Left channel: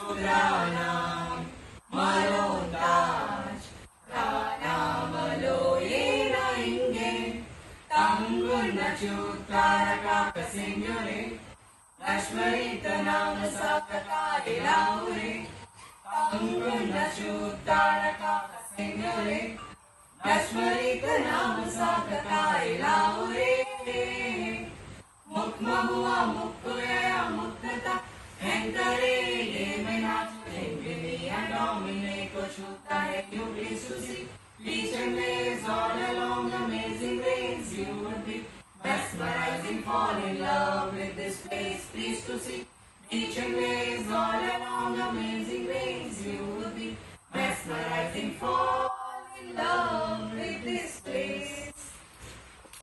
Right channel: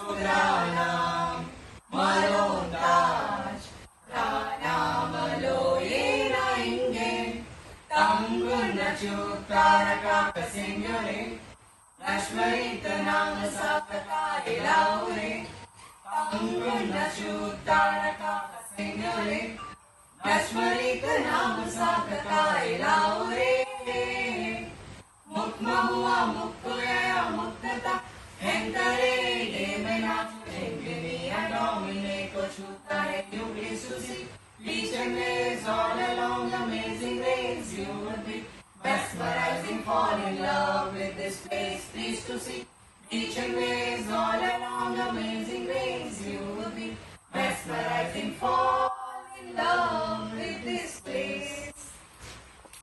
Shudranam Marontaj Pranamalo Yena Inge Tanguna Chutaraka Signore Nashmarita Nama Sakata Ilaure Tanguna Chutaraka Signore Nashmarita Nama Sakata Ilaure Mukmahua Mukkoya Muktata Mentare Devana Chentini Domine Kochuta Yubi Susi Vision is all along amazing way